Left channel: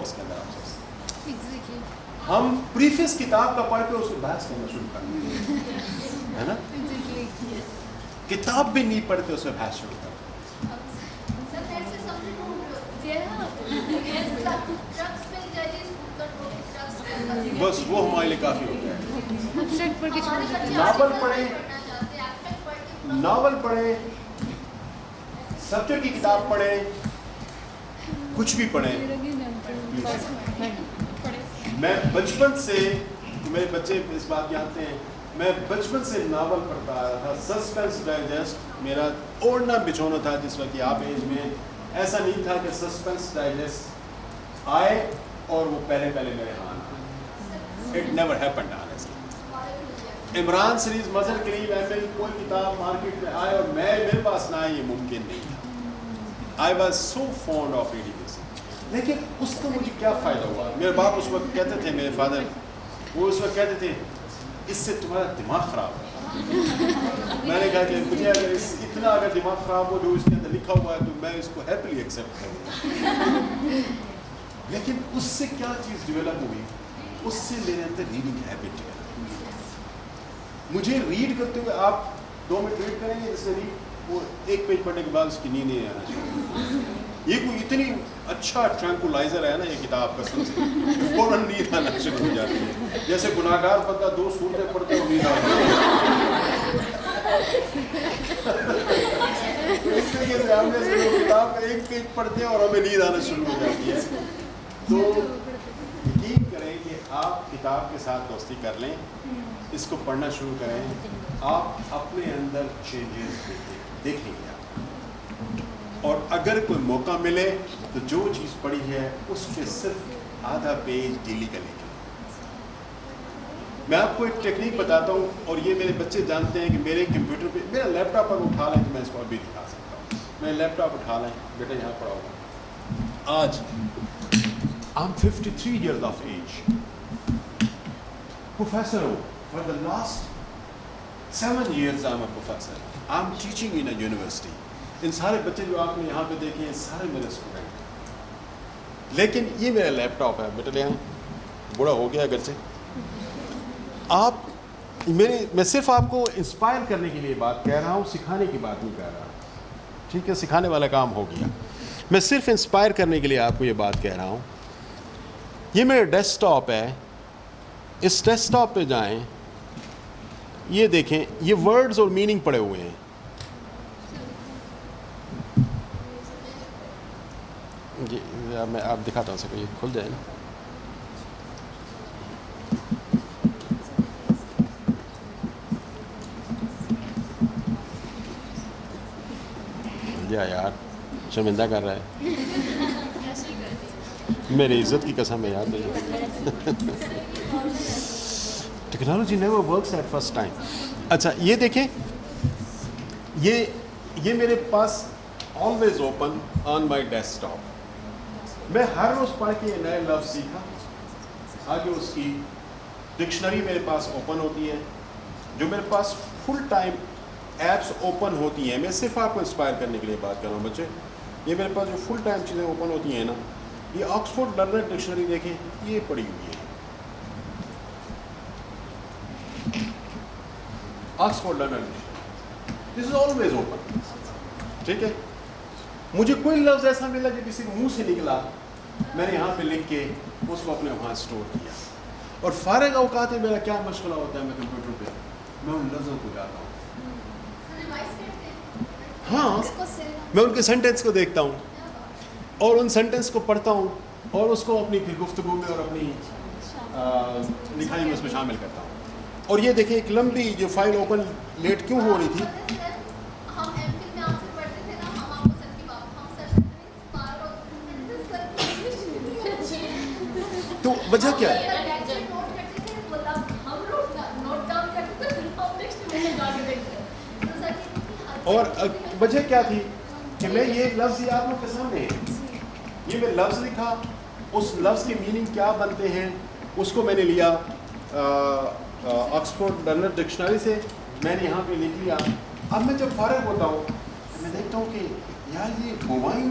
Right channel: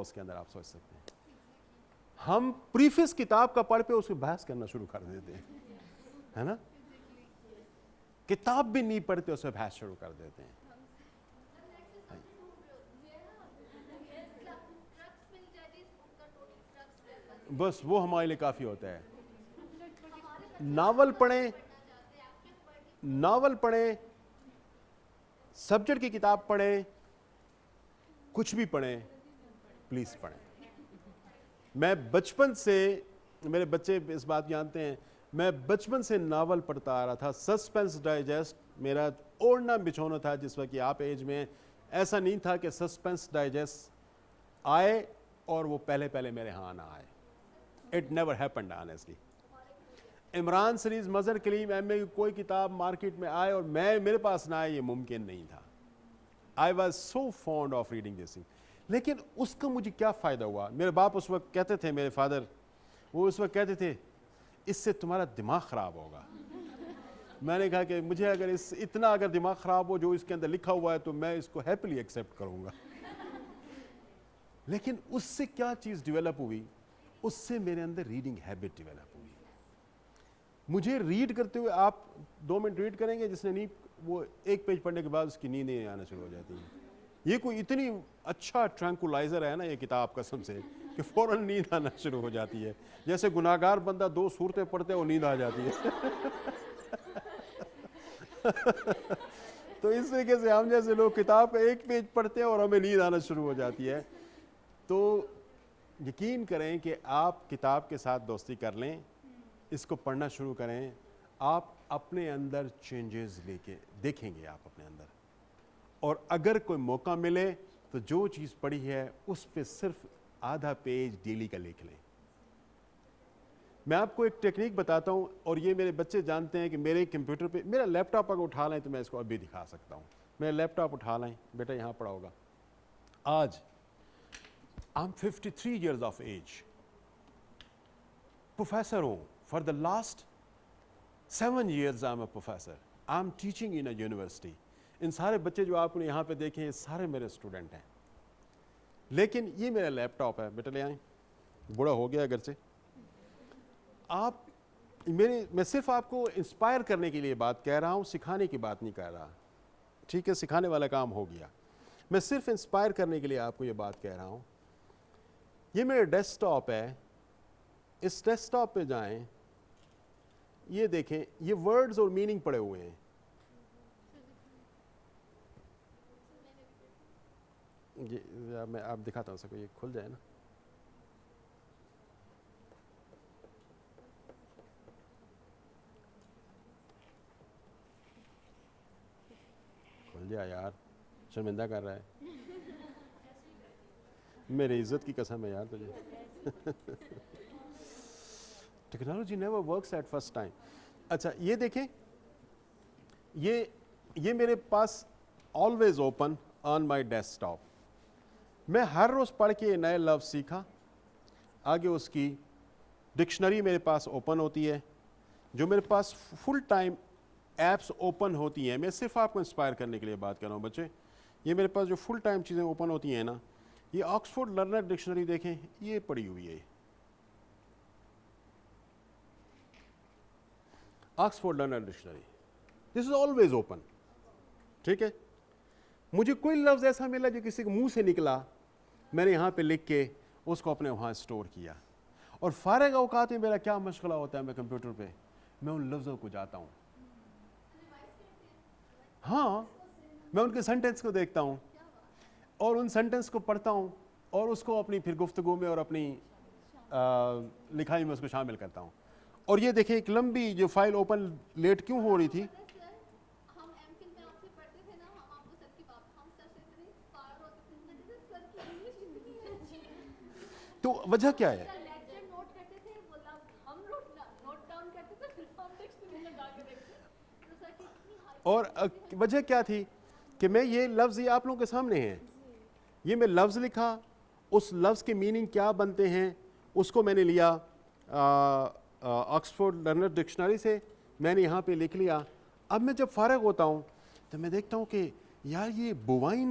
ہوگا اس کے اندر آپ سے؟ ہم پریفیس کتاب کا پڑھ کے اس کو بحث کرنا شروع کر دیں ہے نا, کتاب بھی نہیں پڑھتے اس میں بحث شروع کر بس وہ ہمارے لیے کافی ہوتا ہے. ناول پڑھیں, سبجیکٹ کی کتاب پڑھیں, کچھ بھی پڑھیں. میں بچپن سے, میرے بچے اس بات جانتے ہیں, میں بچپن سے ناول پڑھتا آیا تھا. سسپینس ڈائجسٹ میرا اوڑھنا بچھونا تھا جس وقت کہ آپ ایج میں. ایسا نہیں تھا کہ سسپینس ڈائجسٹ آئے اور وہ پہلے میرے ہاں آئے. It never happened honestly. Imran series, Mazhar Kareem, ایمل, کوئی کتاب مارکیٹ میں آئے اور میرے پاس نہ آئے, یہ ممکن نہیں تھا. I was so fond of reading this. لیکن اس کا مجھے کیا فائدہ ہوا؟ میرے باپ اس وقت کہتے تھے, میرے فادر وہ اس وقت کہتے تھے اس سے تمہارا دماغ خراب ہوگا. میں نے کہا کہ مجھے اگر اتنا اگر دماغ خراب ہو جو اس کے اندر لکھا ہوا ہے تو میں اس کو ہیپیلی ایکسیپٹ کروں گا. لیکن اس سے کیا چیز ڈیولپ ہوئی؟ اس سے میرے اندر ریڈنگ ہیبٹ ڈیولپ. مجھے ریڈ کرتے ہوئے آپ 2 منٹ ریڈ کریں گے, جس میں نہیں وہ 1 پیج پڑھنے کے بعد اس کی نیند نہیں آنا چاہیے. یہ کوئی اتنی اچھا ٹرانکولائزر ہے نا یہ کتاب کا, سب سے فوراً نیند آنا شروع ہو جاتی ہے. جیسے گناہگار بندہ 2 سورتیں پڑھتے اور نیند آتی ہے. اس طریقے سے ہم جیسے لوگ کتاب کا 1 پیج پڑھتے ہیں اور ہمیں نیند آنا شروع ہو جاتی ہے. تو یقین کریں کہ آپ کتاب کے ساتھ دوستی کر لیں, اس کو پڑھنا شروع کریں, آپ اپنے اندر چینجز دیکھیں گے آپ. اور اگر کوئی موقع ملے تو جو چیز پڑھی ہے اس پہ صرف آدھا پیج ڈیلی کا لکھیں. میں آپ کو ایک ٹیکنیک بتاتا ہوں, اور یہ میرے بچے جانتے ہیں کہ میرے کمپیوٹر پہ, میرا لیپ ٹاپ پر اٹھا لیں تو میں اس کو ابھی دکھا سکتا ہوں. میرا لیپ ٹاپ اٹھا لیں, بیٹا یہاں پڑا ہوگا. آج I'm 53 years of age. Professor ہوں. For the last 7 years I'm a professor. I'm teaching in a university. ان سارے بچے جو آپ نے یہاں پہ دیکھے ہیں سارے میرے اسٹوڈنٹ ہیں. لیکن یہ میرا لیپ ٹاپ ہے, بیٹا لے بوڑھا ہو گیا اگرچہ. آپ میں صرف آپ کو انسپائر کرنے کے لیے بات کہہ رہا ہوں, سکھانے کی بات نہیں کہہ رہا. ٹھیک ہے, سکھانے والا کام ہو گیا. میں صرف انسپائر کرنے کے لیے آپ کو یہ بات کہہ رہا ہوں. یہ میرا ڈیسک ٹاپ ہے. اس ڈیسک ٹاپ پہ جائیں, یہ دیکھیں, یہ ورڈز اور میننگ پڑے ہوئے ہیں. جی میں آپ دکھاتا ہوں سر, یہ کھل جائے نا. یار شرمندہ کر رہا ہے, میری عزت کی قسم ہے یار. Technology never works at first time. اچھا یہ دیکھیں, یہ میرے پاس always open on my desktop. میں ہر روز پڑھ کے نئے لفظ سیکھا. آگے اس کی ڈکشنری میرے پاس اوپن ہوتی ہے. جو میرے پاس فل ٹائم ایپس اوپن ہوتی ہیں, میں صرف آپ کو انسپائر کرنے کے لیے بات کر رہا ہوں بچے. یہ میرے پاس جو فل ٹائم چیزیں اوپن ہوتی ہیں نا, یہ آکسفورڈ لرنر ڈکشنری دیکھیں, یہ پڑھی ہوئی ہے. Oxford learner dictionary, this is always open. ٹھیک ہے, مجھے کوئی لفظ ایسا ملا جو کسی کے منہ سے نکلا, میں نے یہاں پہ لکھ کے اس کو اپنے وہاں اسٹور کیا. اور فارغ اوقات میں میرا کیا مشغلہ ہوتا ہے, میں کمپیوٹر پہ میں ان لفظوں کو جاتا ہوں. ہاں, میں ان کے سینٹینس کو دیکھتا ہوں اور ان سینٹینس کو پڑھتا ہوں اور اس کو اپنی گفتگو میں اور اپنی لکھائی میں اس میں شامل کرتا ہوں. اور یہ دیکھیں, ایک لمبی جو فائل اوپن لیٹ کیوں ہو رہی تھی, تو وجہ کیا ہے؟ اور وجہ کیا تھی کہ میں یہ لفظ آپ لوگوں کے سامنے ہے, یہ میں لفظ لکھا, اس لفظ کی میننگ کیا بنتے ہیں اس کو میں نے لیا آکسفورڈ لرنر ڈکشنری سے, میں نے یہاں پہ لکھ لیا. اب میں جب فارغ ہوتا ہوں تو میں دیکھتا ہوں کہ یار یہ ہومایوں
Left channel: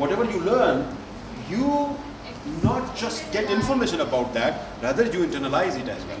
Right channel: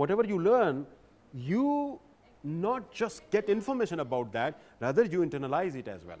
Whatever you learn, you not just get information about that, rather you internalize it as well.